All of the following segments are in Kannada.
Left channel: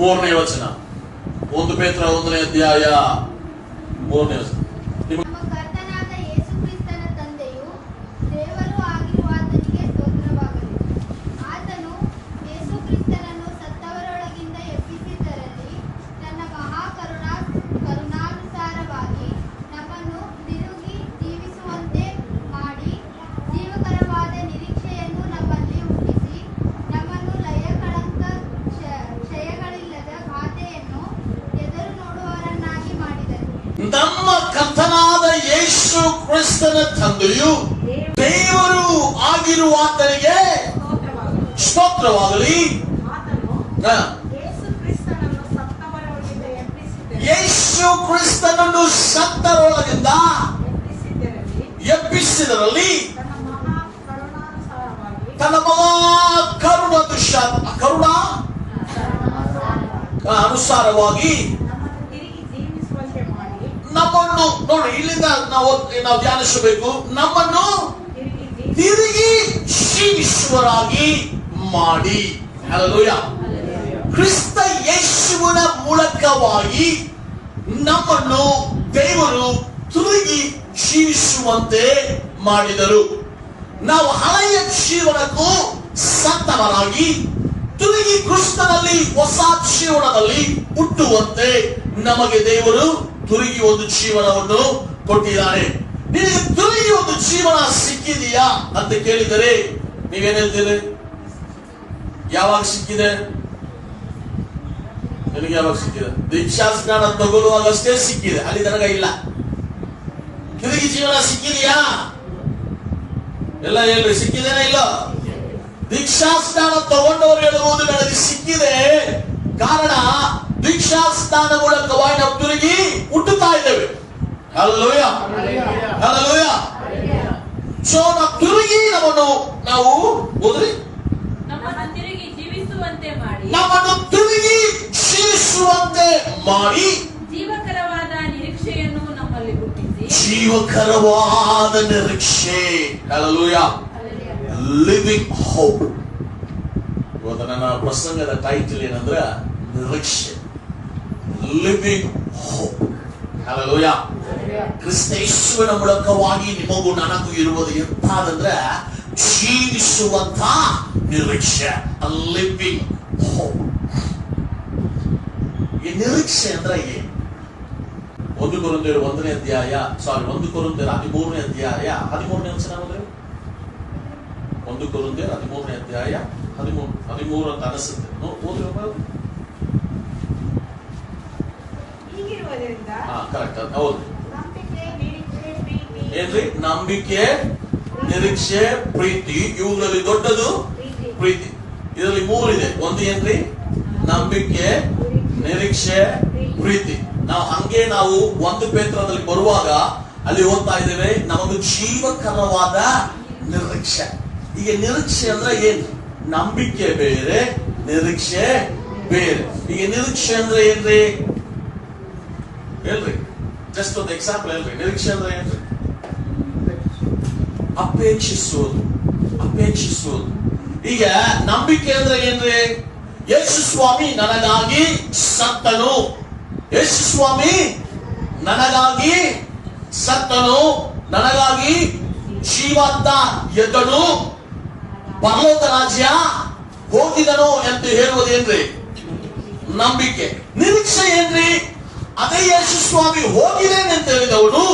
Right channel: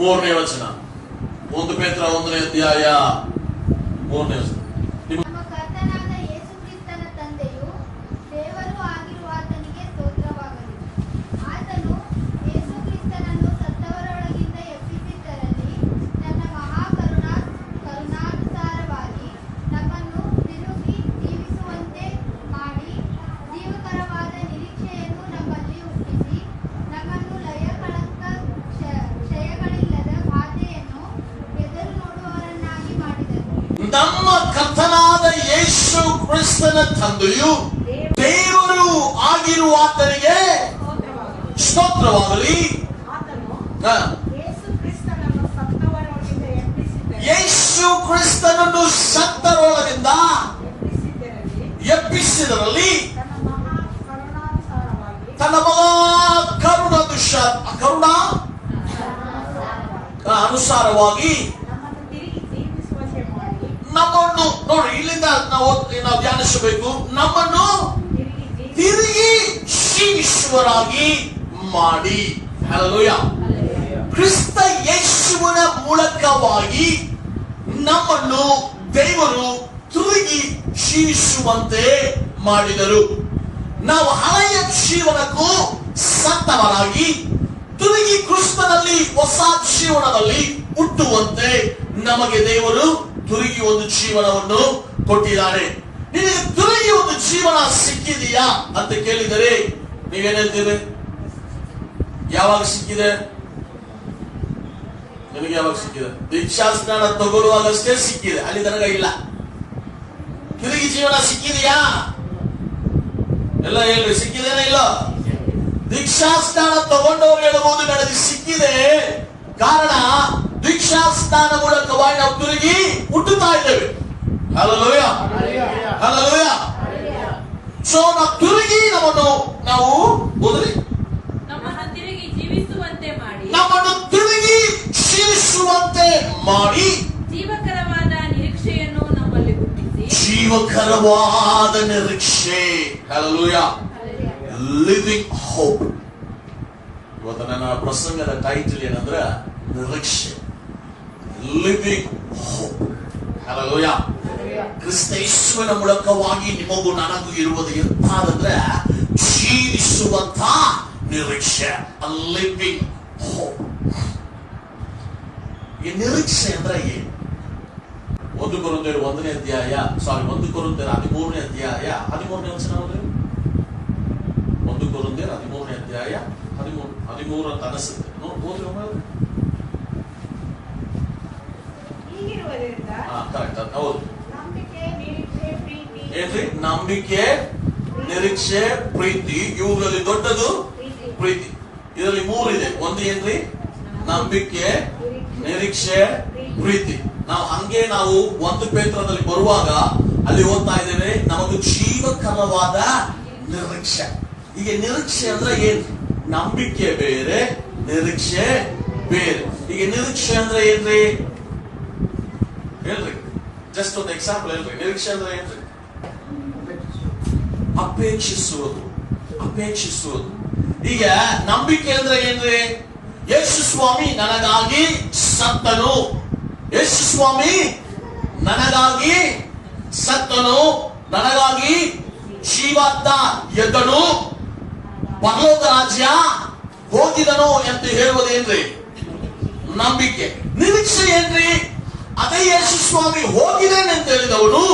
3ನೇ ವಚನ. 1 ಪೇತ್ರ 1ನೇ ಅಧ್ಯಾಯ 3ನೇ ವಚನ. ನಮ್ಮ ಕರ್ತನಾದ ಯೇಸು ಕ್ರಿಸ್ತನ ತಂದೆಯು ದೇವರು ಆಗಿರುವಾತನಿಗೆ ಸ್ತೋತ್ರವಾಗಲಿ. ಯೇಸು ಕ್ರಿಸ್ತನನ್ನು ಸತ್ತರೊಳಗಿಂದ ಎಬ್ಬಿಸಿದರಲ್ಲಿ ತನ್ನ ಮಹಾ ಕರುಣಾ ಅನುಸಾರವಾಗಿ ನಮ್ಮನ್ನು ನೋಡಿ, ಇಲ್ಲಿಂದ ನಾವು ಧ್ಯಾನಿಸಬೇಕು. ನಮ್ಮನ್ನು ತಿರುಗಿ ಜೀವಿಸುವರಾಗಿ ಮಾಡಿ. ಹಲ್ಲೆಲೂಯಾ. ಕ್ರಿಸ್ತ ಯೇಸುವಿನ ಮೂಲಕವಾಗಿ ನಮ್ಮನ್ನು ದೇವರು ತಿರುಗಿ ಜೀವಿಸುವಂತೆ ಮಾಡಿದರು. ನಾವು ಹಳೆಯ ಜೀವನಕ್ಕೂ ಸತ್ತವರಾಗಿ ತಿರುಗಿ ಕ್ರಿಸ್ತನಲ್ಲಿ ಹೊಸ ಜೀವನದಲ್ಲಿ ಹುಟ್ಟುವಂತೆ ನಮಗೆ ದೇವರು ತಿರುಗಿ ಒಂದು ಜೀವನವನ್ನು ಕೊಟ್ಟಿದ್ದಾನೆ. ನಿನಗೆ ತಿರುಗಿ ಒಂದು ಜೀವನ ಸಿಕ್ಕಿದೆಯಾ ಅಂತ ಕೇಳಿದರೆ ನೀವೇನ್ ಹೇಳ್ತೀರಿ? ಯಾವಾಗ ಸಿಕ್ಕಿದೆ? ನಿನಗೆ ಯಾವಾಗ ಸಿಕ್ಕಿದೆ? ದೀಕ್ಷಾ ಸ್ನಾನ ತಗೊಳ್ಳುವಾಗಷ್ಟೇ ಸಿಕ್ಕಿದೆ, ಅಲ್ಲಿ ತನಕ ಇಲ್ಲ. ತಿರುಗಿ ಜೀವನ ಸಿಕ್ಕಿದೆಯಾ? ಎಲ್ಲ ಹೇಳ್ರಿ, ಸಿಕ್ಕಿದೇನ ಇಲ್ಲ? ದೀಕ್ಷಾ ಸ್ನಾನ ತಗೊಂಡವರು ಹೇಳುವುದು ನನಗೆ ಸಿಕ್ಕಿದೆ. ಕಾರಣ ದೀಕ್ಷಾ ಸ್ನಾನ ಮೂಲಕವಾಗಿ ನಾವು ತಿರುಗಿ ಹುಟ್ಟುತ್ತಾ ಇದ್ದೇವೆ. Hallelujah, hallelujah. ಸೊ ನಾವು ತಿರುಗಿ ನಾವು ಓದ್ರಿ, ನಮ್ಮನ್ನು ತಿರುಗಿ ಜೀವಿಸುವಂತೆ ಮಾಡಿ ಜೀವಕರವಾದ ನಿರೀಕ್ಷೆಯನ್ನು ನಮ್ಮಲ್ಲಿ ಹುಟ್ಟಿಸಿ. ಜೀವಕರವಾದ ನಿರೀಕ್ಷೆ. ಹಲ್ಲೆಲೂಯಾ. Living hope. ಇವತ್ತು ನನ್ನ ಪ್ರಸಂಗದ ಟೈಟಲ್ ಏನಂದ್ರೆ ನಿರೀಕ್ಷೆ, ಲಿವಿಂಗ್ ಹೋಪ್. ಹಲ್ಲೆಲೂಯಾ. ಕ್ರಿಸ್ತೇಶ್ವರ ಮೂಲಕವಾಗಿ ನಿಮಗೂ ನನಗೂ ಇರುವುದು ಎಂತಾದಂದ್ರೆ ಜೀವಿಸುವಂತ ನಿರೀಕ್ಷೆ, ಲಿವಿಂಗ್ ಹೋಪ್. ಈ ನಿರೀಕ್ಷೆ ಅಂದ್ರೆ ಏನು? 1 ಕೊರಿಂಥಿಯರು 1ನೇ ಅಧ್ಯಾಯ 1 ಕೊರಿಂಥಿಯರು 13ನೇ ಅಧ್ಯಾಯ 13ನೇ ವಚನ ಹೋದ್ರೆ 1 ಕೊರಿಂಥಿಯರು 13ನೇ ಅಧ್ಯಾಯ 13 ಅಂತ ಅನಿಸುತ್ತೆ. ಓದ್ರಿ. ಕರೆಕ್ಟ್, ಹೌದು. ಏನ್ರಿ? ನಂಬಿಕೆ, ನಿರೀಕ್ಷೆ, ಪ್ರೀತಿ. ಇವುಗಳಲ್ಲಿ ದೊಡ್ಡದು ಪ್ರೀತಿ. ಇದರಲ್ಲಿ 3 ಇದೆ. ಒಂದು ಏನ್ರಿ? ನಂಬಿಕೆ, ನಿರೀಕ್ಷೆ, ಪ್ರೀತಿ. ನಾವು 1 ಪೇತ್ರದಲ್ಲಿ ಬರುವಾಗ ಅಲ್ಲಿ ಓದ್ತಾ ಇದ್ದೇವೆ, ನಮಗೂ ಜೀವಕರವಾದ ನಿರೀಕ್ಷೆ. ಈಗ ನಿರೀಕ್ಷೆ ಅಂದ್ರೆ ಏನು? ನಂಬಿಕೆ ಬೇರೆ, ನಿರೀಕ್ಷೆ ಬೇರೆ. ಈಗ ನಿರೀಕ್ಷೆ ಅಂದ್ರೆ ಏನ್ರಿ? ಹೇಳ್ರಿ, ಜಸ್ಟ್ ಒಂದು ಎಕ್ಸಾಂಪಲ್ ಹೇಳ್ರಿ. ನಿರೀಕ್ಷೆ ಅಂದ್ರೆ ಏನ್ರಿ? ಅಪೇಕ್ಷಿಸುವುದು. ಈಗ ನಂಬಿಕೆ ಅಂದ್ರೆ ಏನ್ರಿ? ಯೇಸು ಸ್ವಾಮಿ ನನಗಾಗಿ ಸತ್ತನು, ಯೇಸು ಸ್ವಾಮಿ ನನಗಾಗಿ ಸತ್ತನು, ನನಗಾಗಿ ಜೀವಾತ್ಮ ಎದ್ದನು, ಪರಲೋಕ ರಾಜ್ಯ ಹೋಗಿದನು ಅಂತ ಹೇಳುವುದೇನ್ರಿ? ನಂಬಿಕೆ. ನಿರೀಕ್ಷೆ ಏನ್ರಿ? ಅದೇ ಯೇಸು ಸ್ವಾಮಿ ಹೋಗಿದ್ದೇನೆ ಅಂತ ಹೇಳಿದವನು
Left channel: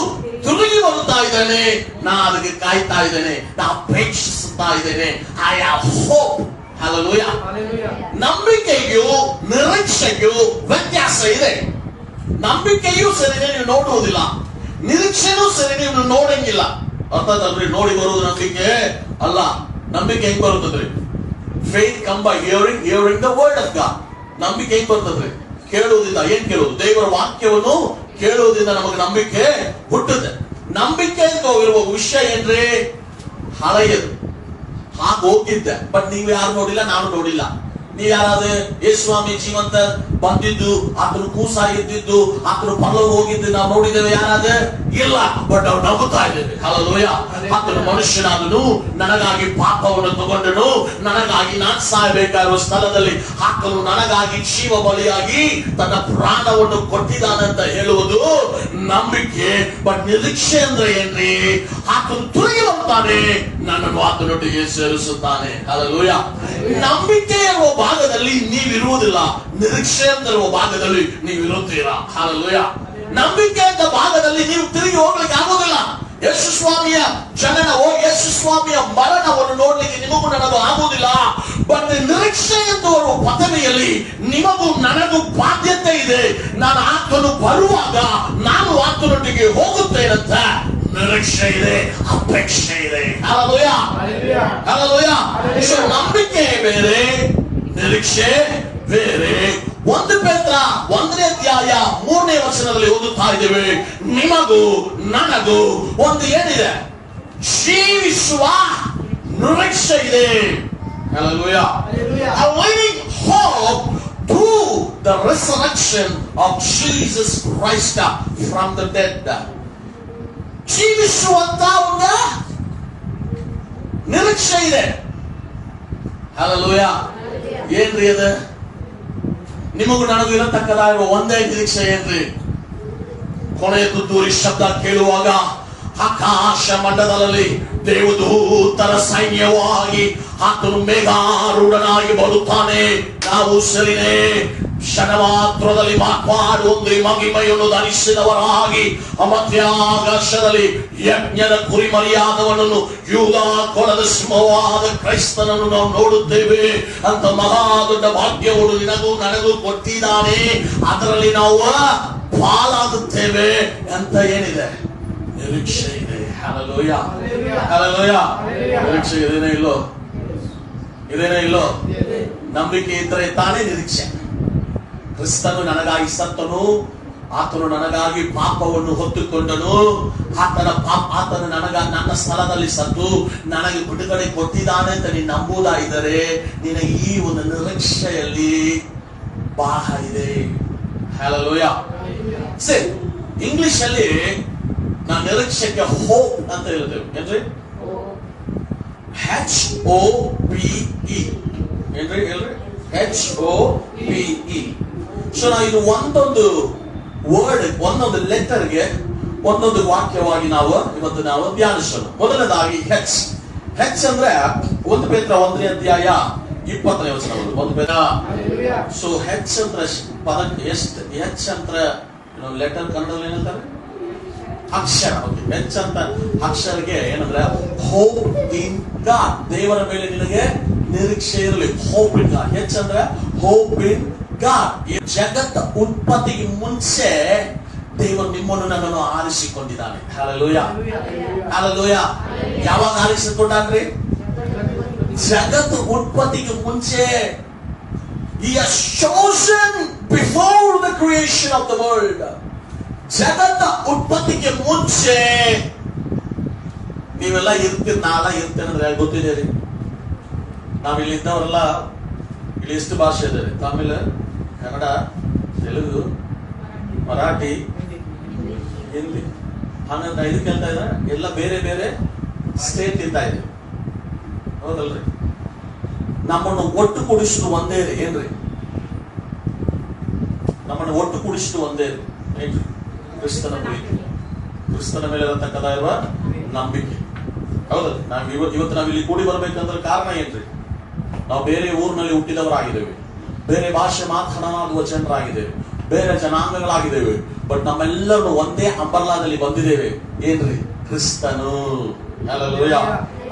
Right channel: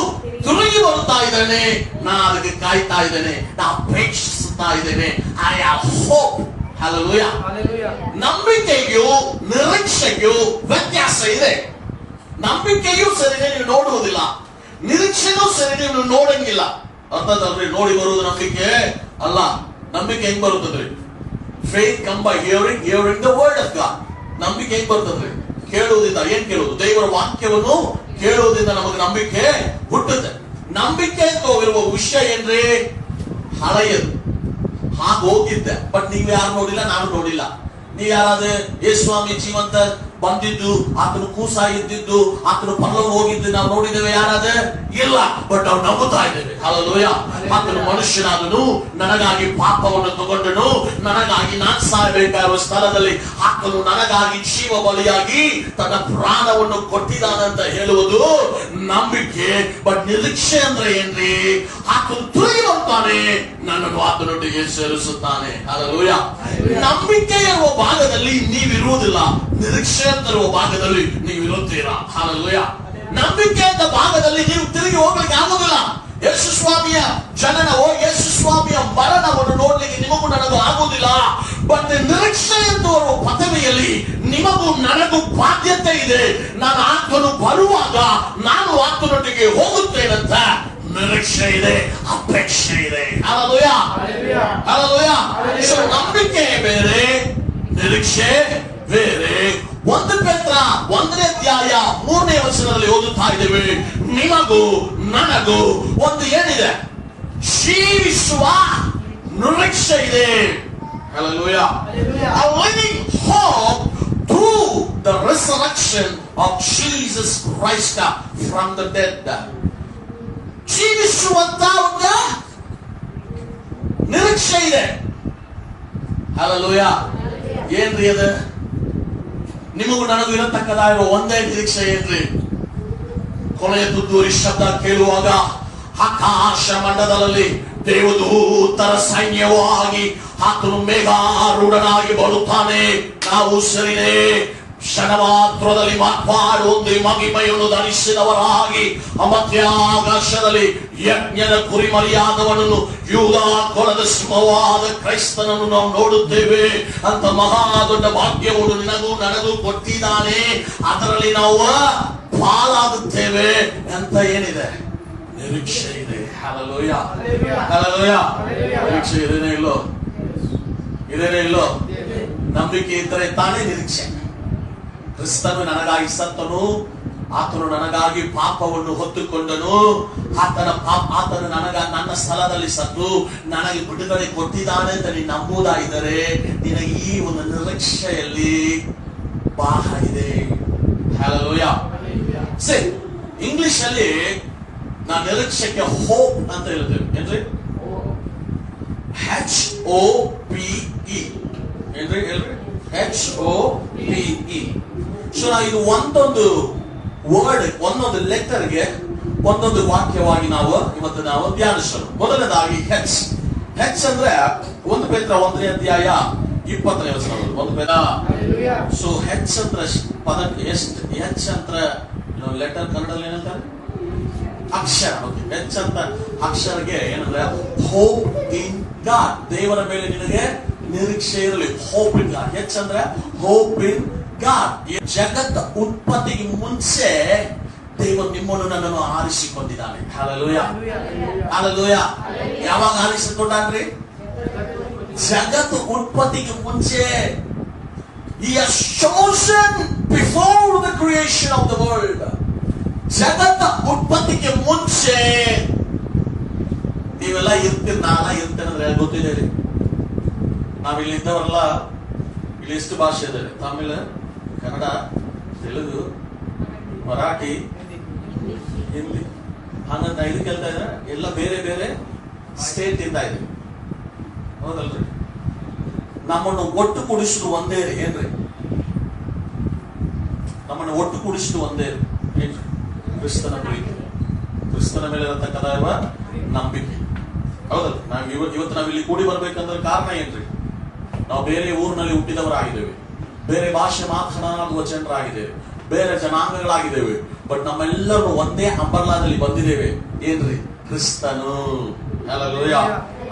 ತಿರುಗಿ ಬರ್ತಾ ಇದ್ದಾನೆ, ನಾ ಅದಕ್ಕೆ ಕಾಯ್ತಾ ಇದ್ದೇನೆ, ನಾ ಅಪೇಕ್ಷಿಸುತ್ತಾ ಇದ್ದೇನೆ. I have hope. ಹಲ್ಲೆಲೂಯಾ. ನಂಬಿಕೆಗೂ ನಿರೀಕ್ಷೆಗೂ ವ್ಯತ್ಯಾಸ ಇದೆ. ನಂಬಿಕೆಯೂ ಸರಿನೇ ನೀವು ನೋಡುವುದಿಲ್ಲ, ನಿರೀಕ್ಷೆನೂ ಸರಿ ನೀವು ನೋಡಂಗಿಲ್ಲ. ಅರ್ಥದಲ್ರಿ? ನೋಡಿ ಬರುವುದು ನಂಬಿಕೆ ಅಲ್ಲ. ನಂಬಿಕೆ ಹೆಂಗ್ ಬರುತ್ತದ್ರಿ? Faith come by hearing, hearing the word of God. ನಂಬಿಕೆ ಹೆಂಗ್ ಬರ್ತದ್ರಿ? ಕೇಳುವುದಿಲ್ಲ. ಏನ್ ಕೇಳುವುದು? ದೇವರ ವಾಕ್ಯವನ್ನು ಕೇಳುವುದರಿಂದ ನಮಗೆ ನಂಬಿಕೆ ಹುಟ್ಟುತ್ತೆ. ನಂಬಿಕೆ ಅಂತ ಇರುವ ವಿಷಯ ಏನ್ರಿ? ಹಳೆಯದು. ಹಾಗೆ ಹೋಗಿದ್ದೆ, ಬಟ್ ನೀವು ಯಾರು ನೋಡಿಲ್ಲ, ನಾನು ನೋಡಿಲ್ಲ. ನೀ ಯಾರಾದ್ರೆ ಯೇಸು ಸ್ವಾಮಿ ಜೀವಂತ ಬಂದಿದ್ದು, ಆತನು ಕೂಸ ಇದ್ದಿದ್ದು, ಆತನು ಪರಲೋಕ ಹೋಗಿದ್ದು ನಾವು ನೋಡಿದ್ದೇವೆ ಯಾರಾದ್ರೆ? ಇಲ್ಲ. ಬಟ್ ನಾವು ನಂಬುತ್ತಾ ಇದ್ದೇವೆ. ಹಲ್ಲೆಲೂಯಾ. ಆತನು ಮನುಷ್ಯನಾದನು, ನನಗಾಗಿ ಪಾಪವನ್ನು ತಗೊಂಡನು, ನನಗಾಗಿ ನಾನು ಸಾಯಬೇಕಾಗಿರುವ ಸ್ಥಳದಲ್ಲಿ ಆತನು ನನಗಾಗಿ ಜೀವ ಬಲಿಯಾಗಿ ತನ್ನ ಪ್ರಾಣವನ್ನು ಕೊಟ್ಟಿದ್ದಾನಂತ ಹೇಳುವುದು ನಂಬಿಕೆ. ಬಟ್ ನಿರೀಕ್ಷೆ ಅಂದ್ರೆ ಏನ್ರಿ? ಆತನು ತುಳಿಯುತ್ತಾನೆ, ನನ್ನನ್ನು ಆತನೊಟ್ಟಿಗೆ ಸೇರಿಸುತ್ತಾನೆ. ಹಲ್ಲೆಲೂಯಾ. ನಂಬಿಕೆ ಇರುವ ಭಾಗದಲ್ಲಿ ನೀವಿರುವುದಿಲ್ಲ, ನಿರೀಕ್ಷೆ ಅಂತ ಇರುವ ಭಾಗದಲ್ಲಿ ನೀವಿರುತ್ತೀರಾ. ಹಲ್ಲೆಲೂಯಾ. ನಂಬಿಕೆ ಅಂತ ಭಾಗದಲ್ಲಿ ನೀವು ತಿರುಗಿ ಹೋಗ್ಲಿಕ್ಕೆ ಆಗೋದಿಲ್ಲ. ಯೇಸು ಸ್ವಾಮಿಯ ಜನನವೋ, ಯೇಸು ಸ್ವಾಮಿಯ ಮರಣವನ್ನು ನೋಡ್ಲಿಕ್ಕೆ ನಿಮಗೂ ನನಗೂ ಆಗುವುದಿಲ್ಲ. ಬಟ್ ನಿರೀಕ್ಷೆ ಎಂದು ಬರುವ ಪದವಿಯಲ್ಲಿ ನಿಮಗೂ ನನಗೂ ಬಾಧ್ಯತೆ ಇದೆ. ನಾನು ಆತನು ಬರುವಾಗ ನಾನು ಆತನೊಟ್ಟಿಗೆ ಹೋಗುತ್ತೇನಂತ ನಿರೀಕ್ಷೆ ಇದೆ, ಅಪೇಕ್ಷೆ ಇದೆ. ಹಲ್ಲೆಲೂಯಾ. ಹಲ್ಲೆಲೂಯಾ. ನಂಬಿಕೆ ಬೇರೆ, ನಿರೀಕ್ಷೆ ಬೇರೆ. 1 ಪೇತ್ರ 1ನೇ ಅಧ್ಯಾಯ 3ನೇ ವಚನದಲ್ಲಿ ಓದುತ್ತಾ ಇದ್ದೇವೆ, ನಿಮಗೂ ನನಗೂ ಒಂದು ಏನಿದೆ? ಜೀವಿಸುವ ನಿರೀಕ್ಷೆ ಇದೆ. Hallelujah. A living hope through the resurrection of Jesus Christ from the dead. ಜೀವಿಸುವಂತ ಒಂದು ನಿರೀಕ್ಷೆ ಇದೆ. Hallelujah. ಏನ್ರಿ ಅದು? ನಿಮಗೂ ನನಗೂ ಇರತಕ್ಕದಾಗಿರುವ ಒಂದೇ ನಿರೀಕ್ಷೆ ಏನ್ರಿ? ಕೊನೆಯ ತುತ್ತೂರಿ ಶಬ್ದ ಕೇಳುವಾಗ ಆಕಾಶ ಮಂಡಲದಲ್ಲಿ ದೇವದೂತರ ಸೈನ್ಯವಾಗಿ ಆತನು ಮೇಘಾರೂಢನಾಗಿ ಬರುತ್ತಾನೆ. ನಾವು ಸರಿನೇ ಕ್ಷಣ ಮಾತ್ರದಲ್ಲಿ ಮಾರ್ಪಾಡುವಂತೆ ಮಹಿಮೆಯನ್ನು ಧರಿಸಿದವರಾಗಿ ಮಧ್ಯಾಕಾಶದಲ್ಲಿ ಯಜ್ಞದ ಕುರಿಮರಿಯಾದವನನ್ನು, ಯೂದ ಕುಲದ ಸಿಂಹವಾದ ಕ್ರೈಸ್ತನನ್ನು ನಾವು ನೋಡುತ್ತೇವೆ. ಅಂತ ಮಹಾ ದೊಡ್ಡ ಭಾಗ್ಯವನ್ನು ನಿನಗೂ ನನಗೂ ಕೊಟ್ಟಿದ್ದಾನೆ. ಅದರಲ್ಲಿ ನಾವು ಪಾಲಾಗುತ್ತೇವೆ ಅಂತ ಏನಿದೆ? ನಿರೀಕ್ಷೆ ಇದೆ. ಹಲ್ಲೆಲೂಯಾ. ಹಲ್ಲೆಲೂಯಾ. ನಿರೀಕ್ಷೆ ಇದೇನೇ ಇಲ್ಲೋ? ಇದೇನೇ ಇಲ್ಲೋ? ನಂಬಿಕೆ ಇದ್ದರೆ ತಾನೇ ನಿರೀಕ್ಷೆ. ಕ್ರಿಸ್ತನು ನನಗಾಗಿ ಸತ್ತನು, ಆತನು ನನಗಾಗಿ ಪಾಪವನ್ನು ಹೊತ್ತುಕೊಂಡನು, ಆತನು ನನ್ನ ಸ್ಥಳದಲ್ಲಿ ಸತ್ತು ನನಗೆ ಬಿಡುಗಡೆ ಕೊಟ್ಟಿದ್ದಾನೆ ಅಂತ ನೀನು ನಂಬುವುದಾಗಿದ್ದರೆ ನಿನಗೆ ಈ ಒಂದು ನಿರೀಕ್ಷೆಯಲ್ಲಿ ಭಾಗ ಇದೆ. ಹಲ್ಲೆಲೂಯಾ. ಸರಿ, ಇಂಗ್ಲಿಷ್ ಅಲ್ಲಿ ನಾವು ನಿರೀಕ್ಷೆಗೆ ಹೋಪ್ ಅಂತ ಹೇಳ್ತೇವೆ. ಏನ್ರಿ? HOPE. ಏನ್ರಿ? ಹೇಳ್ರಿ. HOPE. ಸೊ ನಾವು ಇದು ಒಂದೊಂದು ವರ್ಡ್, ಒಂದೊಂದು ಲೆಟರ್ಗೆ ಒಂದೊಂದು ವಾಕ್ಯವಾಗಿ ನಾವು ಇವತ್ತು ಧ್ಯಾನಿಸೋಣ. ಮೊದಲನೇದಾಗಿ ಹೆಚ್ ಅಂದ್ರೆ 1 ಪೇತ್ರ 1ನೇ ಅಧ್ಯಾಯ 20ನೇ ವಚನ. 1 ಪೇತ್ರ. ಸೊ ಹೆಚ್ ಅಂದ್ರೆ ಪದಕ್ಕೆ ಎಷ್ಟು? ಹೆಚ್ ಅಂದ್ರೆ ಲೆಟರ್ ಕನ್ನಡದಲ್ಲಿ ಏನಂತಾರೆ? ಅಕ್ಷರ. ಹೆಚ್ ಅಂತ ಅಕ್ಷರಗೆ ಏನಂದ್ರೆ ಹೋಪ್ ಇನ್ ಗಾಡ್. ದೇವರ ಮೇಲೆ ನಿನಗೆ ನಿರೀಕ್ಷೆ ಇರಲಿ. Hope in god. ಹೆಚ್ ಅಂದ್ರೆ ಹೋಪ್ ಇನ್ ಗಾಡ್. ಜಗತ್ತ ಉತ್ಪತ್ತಿಗೆ ಮುಂಚೆ ದೇವರು ನಿಮ್ಮನ್ನು ನನ್ನನ್ನು ಆರಿಸಿಕೊಂಡಿದ್ದಾನೆ. ಹಲ್ಲೆಲೂಯಾ. ಹಲ್ಲೆಲೂಯಾ. ಯಾವಾಗ ಆರಿಸಿಕೊಂಡ್ರಿ? ಜಗತ್ತು ಉತ್ಪತ್ತಿಗೆ ಮುಂಚೆ. He has chosen before the creation of the world. ಜಗತ್ತ ಉತ್ಪತ್ತಿಗೆ ಮುಂಚೆ ನೀವೆಲ್ಲ ಇರ್ತೀರಿ, ನಾವೆಲ್ಲ ಇರ್ತೇನೆ ಅಂದ್ರೆ ಗೊತ್ತಿದೆ ರೀ. ನಾವಿಲ್ಲಿ ಇದ್ದವರೆಲ್ಲ ಇಲ್ಲಿ ಎಷ್ಟು ಭಾಷೆ ಇದೆ? ತಮಿಳು, ಕನ್ನಡ, ತೆಲುಗು, ಮರಾಠಿ, ಹಿಂದಿ. ಹಂಗಂತ ಇದು ಕೇಳ್ತಾ ಇದ್ದಾರೆ. ಎಲ್ಲ ಬೇರೆ ಬೇರೆ ಸ್ಟೇಟ್ ಇಂದ ಇದೆ, ಹೌದಲ್ರಿ? ನಮ್ಮನ್ನು ಒಟ್ಟು ಕೂಡಿಸಿದ್ರು ಒಂದೇ ಏನ್ರಿ? ನಮ್ಮನ್ನು ಒಟ್ಟು ಕೂಡಿಸಿದ್ರು ಒಂದೇ ಏನ್ರಿ? ಕ್ರಿಸ್ತನ ಪ್ರೀತಿ, ಕ್ರಿಸ್ತನ ಮೇಲೆ ಇರತಕ್ಕದಾಗಿರುವ ನಂಬಿಕೆ. ಹೌದಲ್ಲ? ಇವತ್ತು ನಾವಿಲ್ಲಿ ಕೂಡಿ ಬರ್ಬೇಕಂದ್ರೆ ಕಾರಣ ಏನ್ರಿ? ನಾವು ಬೇರೆ ಊರಿನಲ್ಲಿ ಹುಟ್ಟಿದವರಾಗಿದ್ದೇವೆ, ಬೇರೆ ಭಾಷೆ ಮಾತನಾಡುವ ಜನರಾಗಿದ್ದೇವೆ, ಬೇರೆ ಜನಾಂಗಗಳಾಗಿದ್ದೇವೆ. ಬಟ್ ನಮ್ಮೆಲ್ಲರೂ ಒಂದೇ ಅಂಬರ್ಲಾದಲ್ಲಿ ಬಂದಿದ್ದೇವೆ. ಏನ್ರಿ? ಕ್ರಿಸ್ತನು. ಹಲ್ಲೆಲೂಯಾ.